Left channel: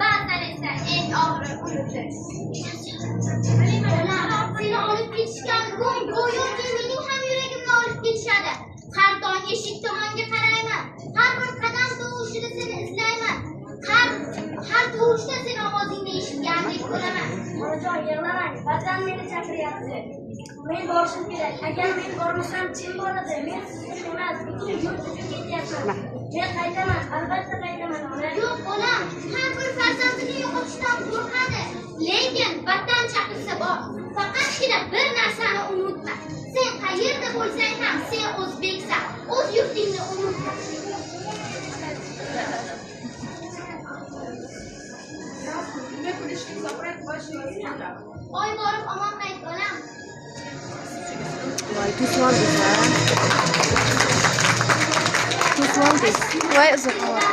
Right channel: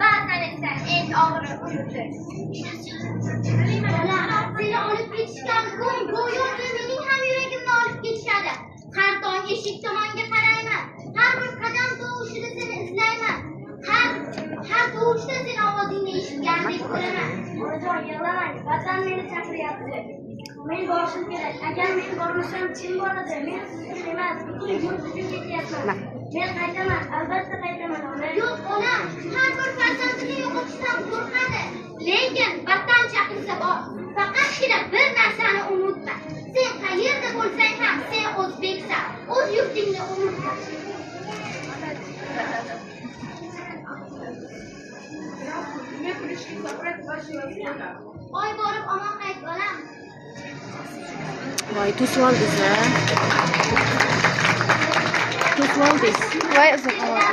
Ba'zan esa eng og'iri uyudir. Seni olib ketishgan go'yoki mening ham yuragimni olib ketishadi. Har tong eshik tomonga qarayman. Har bir qadam tovushida seni izlayman. Har tovushda seni ovozingni eshitgandek ko'raman. Onajon, yig'lamang. Vatan meni chaqiryapti. Men borishim kerak. Agar men bormasam kim boradi? Men siz emas, butun yurt uchun ketyapman. Men qaytaman, albatta qaytaman. Yo'q, onam har bir farzandini yo'qotishdan qo'rqadi. Lekin vatan chaqirsa bor. Faqatgina bir narsani unutma. Sen qayerda bo'lsang ham sen o'zbeksan. O'z yurtingni unutma. Oy borib omon qayt bolam. Voy, to'sib oldingiz-a? To'sib oldingiz. Voy, uzoq ovoz.